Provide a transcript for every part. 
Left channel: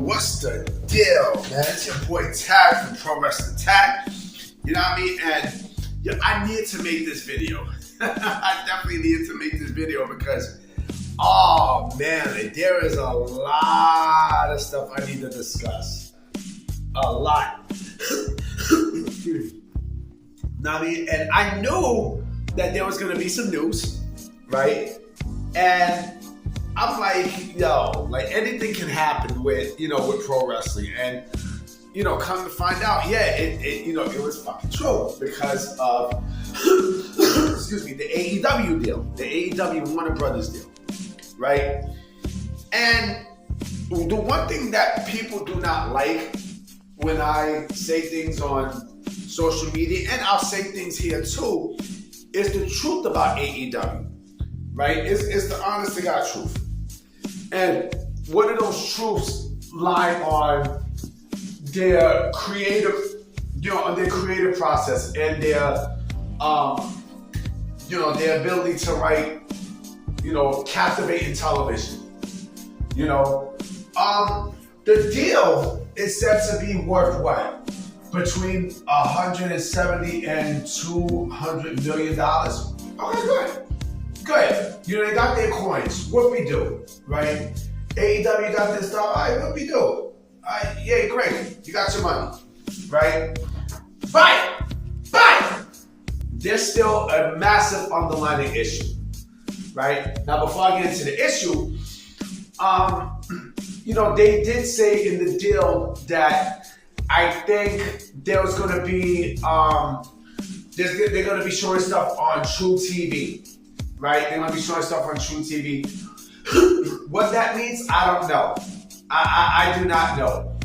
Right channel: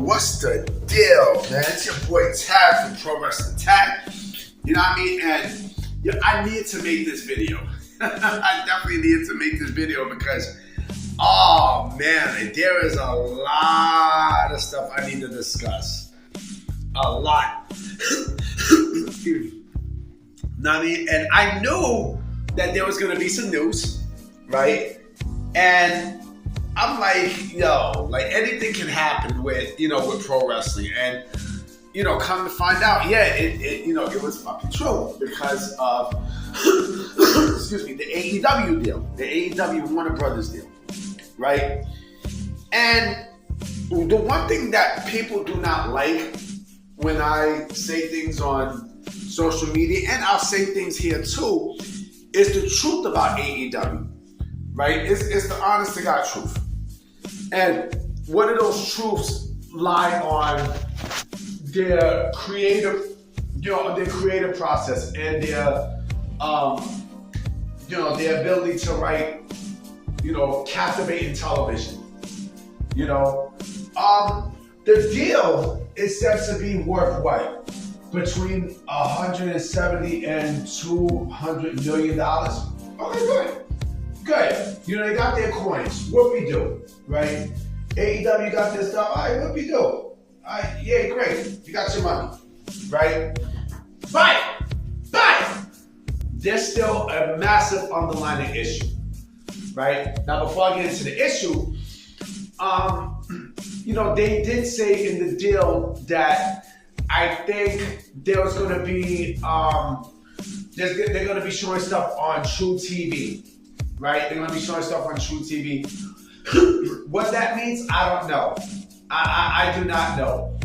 what's the deal, man? It's your boy Tag from Pro Wrestling Tag. You know what I mean? And yeah, I need to make this video. I definitely need to make this video because, oh man, there is a lot of stuff I need to discuss. A lot. Excuse me. Know what I mean? And I knew that there was going to be some news, right? And I'm like, yo, like anything can happen with, with pro wrestling. And, come to find out, yeah, it was fucking true because of, excuse me, the AEW deal, the AEW Warner Brothers deal, right? And the one thing that people do not like when I say things on social media, and I'll say things here too, is the truth about AEW, right? It's the honest to God truth. And one of those truths lie on their creative, their creative process and their, their ability to write, captivating television. The deal is said to be worth what? Between $170 and $200 million. Okay, good. Good. They got their coins. What we do, right? AEW got this stuff. All right, what we do? All right, yeah, great. You got your money, right? But there's still a massive underlying issue, right? Now, before I get into the issue, they did say in the deal that I think there was going to be, they're going to be showing stuff on True TV. Right? They're going to be showing stuff on True TV. What that means, I don't know. I do not know.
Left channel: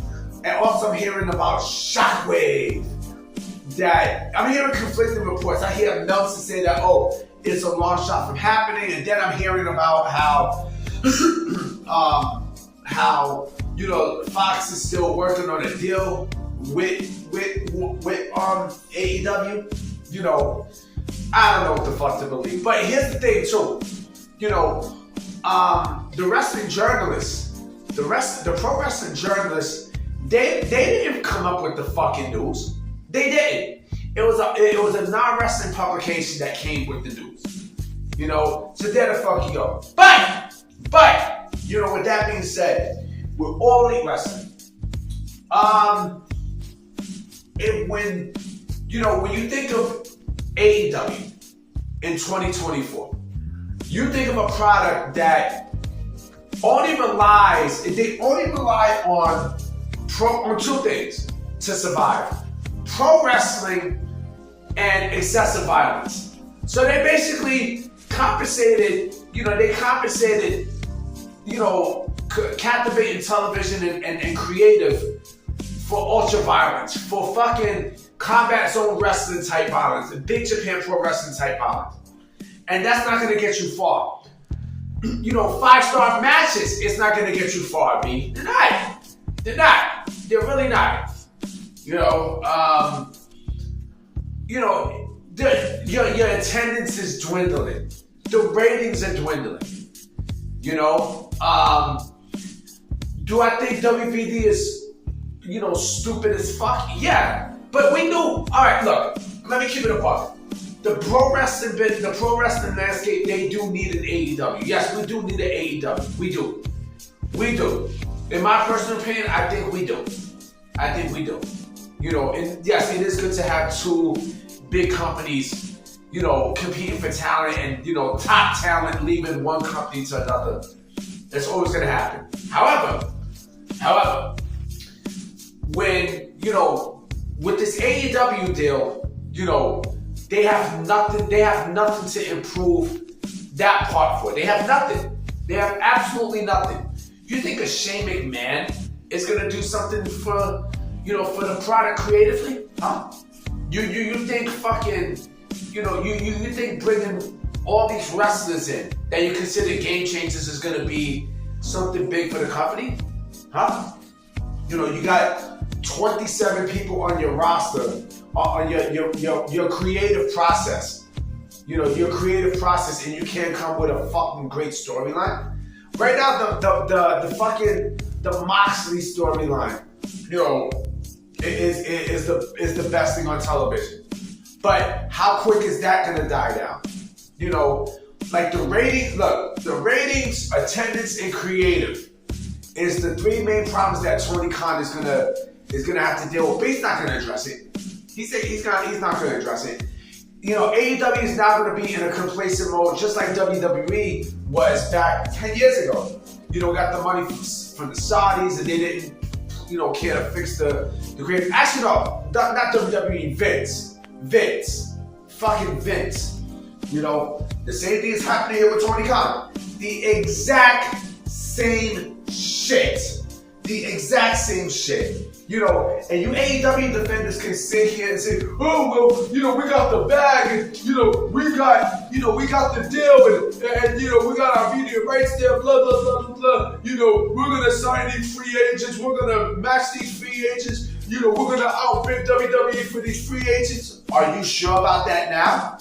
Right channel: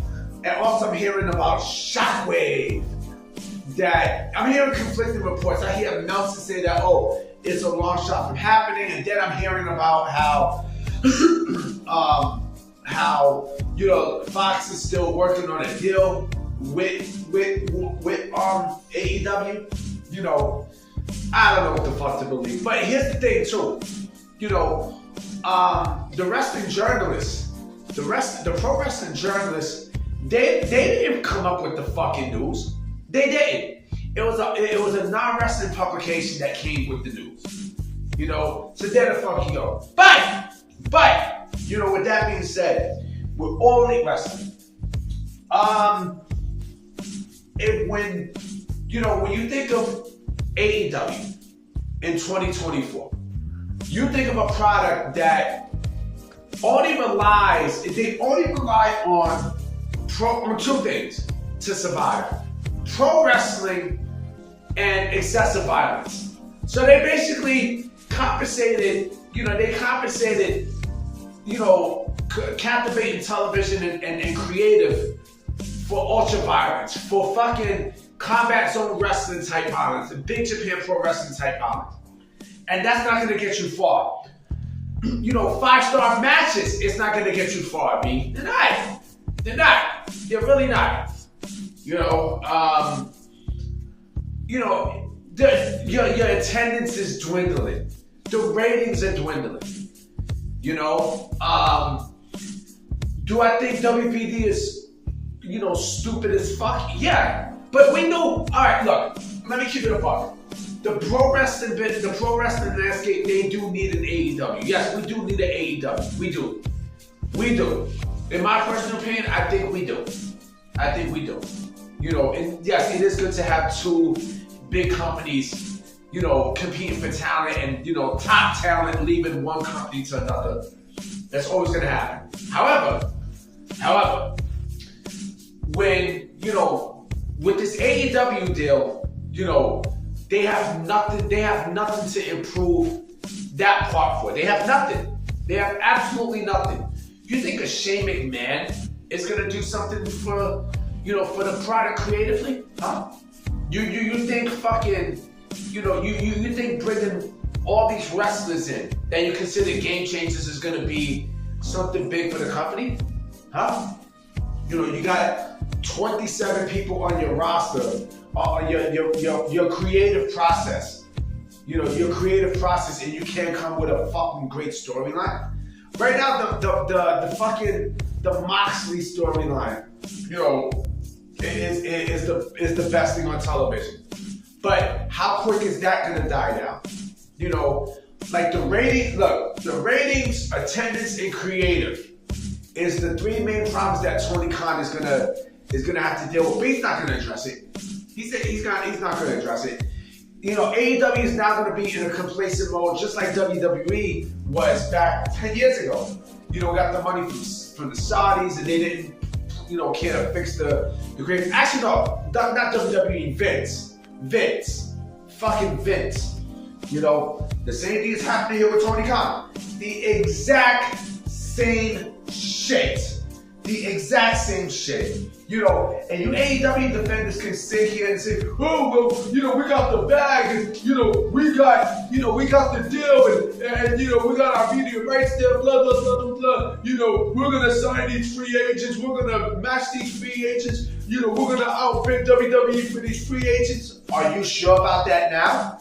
And also I'm hearing about Shockwave. That I'm hearing conflicting reports. I hear Meltzer say that, it's a long shot from happening. And then I'm hearing about how Fox is still working on a deal with AEW. I don't know what the fuck to believe. But here's the thing too. The wrestling journalists, the pro wrestling journalists, they didn't come up with the fucking news. They didn't. It was a non-wrestling publication that came with the news. So there the fuck you go. But with that being said, we're all elite wrestling. When you think of AEW in 2024, you think of a product that only relies on two things to survive: pro wrestling and excessive violence. So they basically compensated, captivating television and creative for ultra violence, for fucking combat zone wrestling type violence, and Big Japan Pro Wrestling type violence. And that's not gonna get you far. 5-star matches, it's not gonna get you far, B. They're not. They're really not. Your attendance is dwindling. The ratings are dwindling. Do I think WBD is, stupid as fuck? Yeah. But we knew, all right, look, let me keep it apart. The pro wrestling landscape, they do need an AEW. Yes, we do need an AEW. We do. In my personal opinion, I think we do. And yes, it is good to have two big companies, competing for talent and, top talent leaving one company to another. That's always going to happen. However, when, with this AEW deal, they have nothing to improve that part for. They have nothing. They have absolutely nothing. You think a Shane McMahon is gonna do something for the product creatively? Huh? You think fucking, you think bringing all these wrestlers in that you consider game changers is gonna be something big for the company? Huh? You got 27 people on your roster, on your creative process. Your creative process, and you can't come with a fucking great storyline. Right now, the the Moxley storyline, you know, is the best thing on television. But how quick is that gonna die down? You know, like the ratings, look, the ratings, attendance, and creative is the three main problems that Tony Khan is gonna have to deal with. But he's not gonna address it. He said he's not gonna address it. You know, AEW is now gonna be in a complacent mode, just like WWE was back 10 years ago. You know, we got the money from the Saudis, and they didn't, you know, care to fix the creative. Actually, no, not WWE, Vince, fucking Vince. You know, the same thing is happening here with Tony Khan. The exact same shit. The exact same shit. You know, and you AEW defenders can sit here and say, oh, well, you know, we got the bag, and, you know, we got the deal, and you know, we got our media rights there, blah, blah, blah, blah, blah. You know, we're going to sign these free agents, we're going to match these free agents, you know, we're going to outbid WWE for these free agents. Are you sure about that now?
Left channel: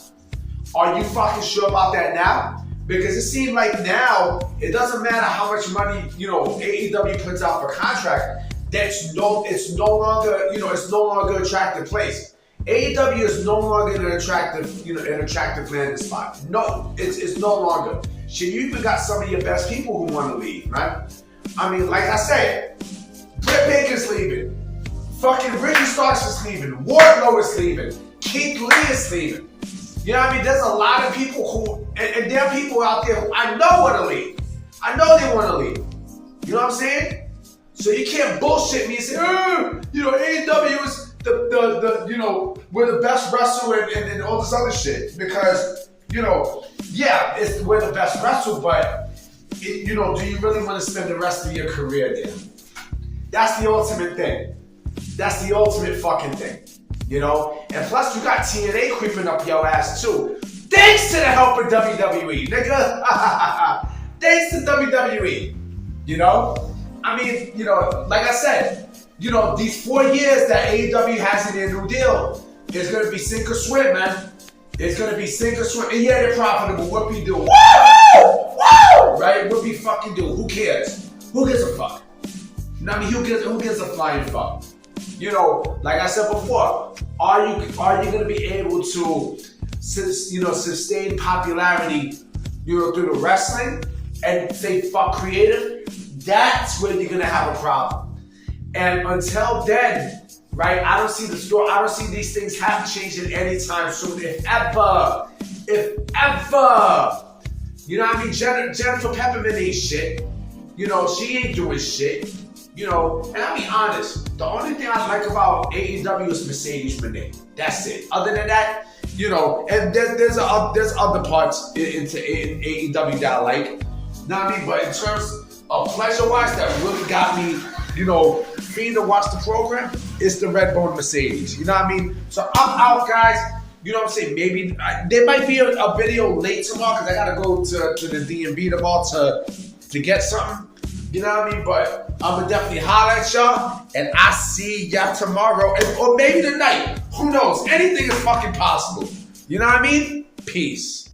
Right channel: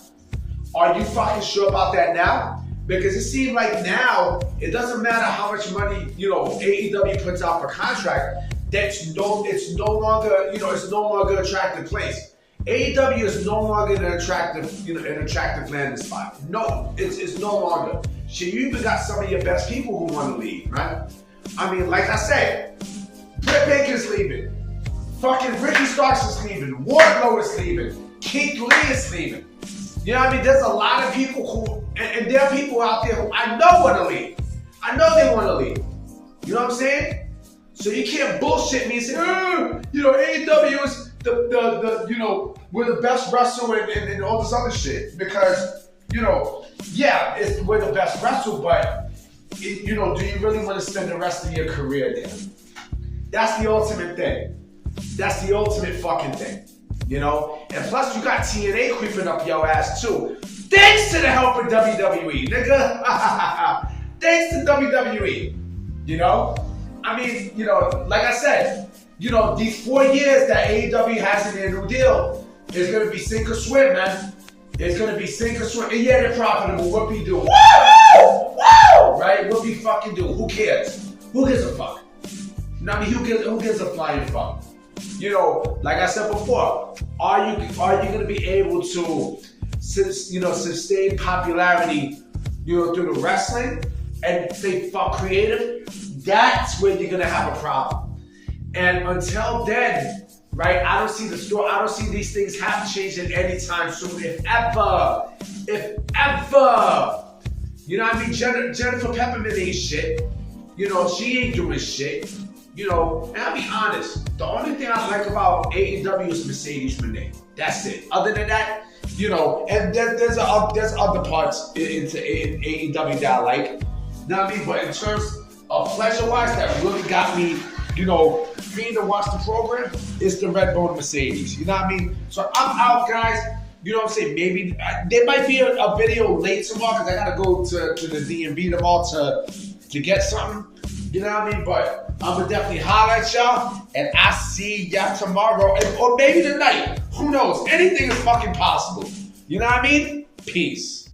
Are you fucking sure about that now? Because it seems like now, it doesn't matter how much money, you know, AEW puts out for contract, it's no longer, you know, it's no longer an attractive place. AEW is no longer an attractive landing spot. No, it's no longer. Shit, you even got some of your best people who want to leave, right? I mean, like I said, Britt Baker's leaving. Fucking Ricky Starks is leaving. Wardlow is leaving. Keith Lee is leaving. You know what I mean? There's a lot of people who, and there are people out there who I know want to leave. I know they want to leave. You know what I'm saying? So you can't bullshit me and say, you know, AEW is the you know, we're the best wrestler and all this other shit. Because, you know, yeah, we're the best wrestler, but, you know, do you really want to spend the rest of your career there? That's the ultimate thing. That's the ultimate fucking thing. You know? And plus, you got TNA creeping up your ass, too. Thanks to the help of WWE, nigga. Thanks to WWE. You know? I mean, you know, like I said, you know, these 4 years that AEW has in their new deal is going to be sink or swim, man. It's going to be sink or swim. And yeah, they're profitable. What be doing? Woo! Woo! Right? What be fucking doing? Who cares? Who gives a fuck? You know what I mean? Who gives a flying fuck? You know, like I said before, are you going to be able to, you know, sustain popularity, you know, through the wrestling and say fuck creative? That's where you're going to have a problem. And until then, right, I don't see these things changing anytime soon, if ever. You know what I mean? Jennifer Peppermint ain't shit. You know, she ain't doing shit. You know, and I'll be honest, the only thing I like about AEW is Mercedes Moné. That's it. Other than that, you know, and there's other parts in AEW that I like. You know what I mean? But in terms of pleasure-wise, that really got me, you know, free to watch the program, is the Redbone Mercedes. You know what I mean? So I'm out, guys. You know what I'm saying? Maybe there might be a video late tomorrow because I gotta go to the DMV tomorrow to get something. You know what I mean? But I'm gonna definitely holler at y'all, and I see y'all tomorrow, or maybe tonight. Who knows? Anything is fucking possible. You know what I mean? Peace.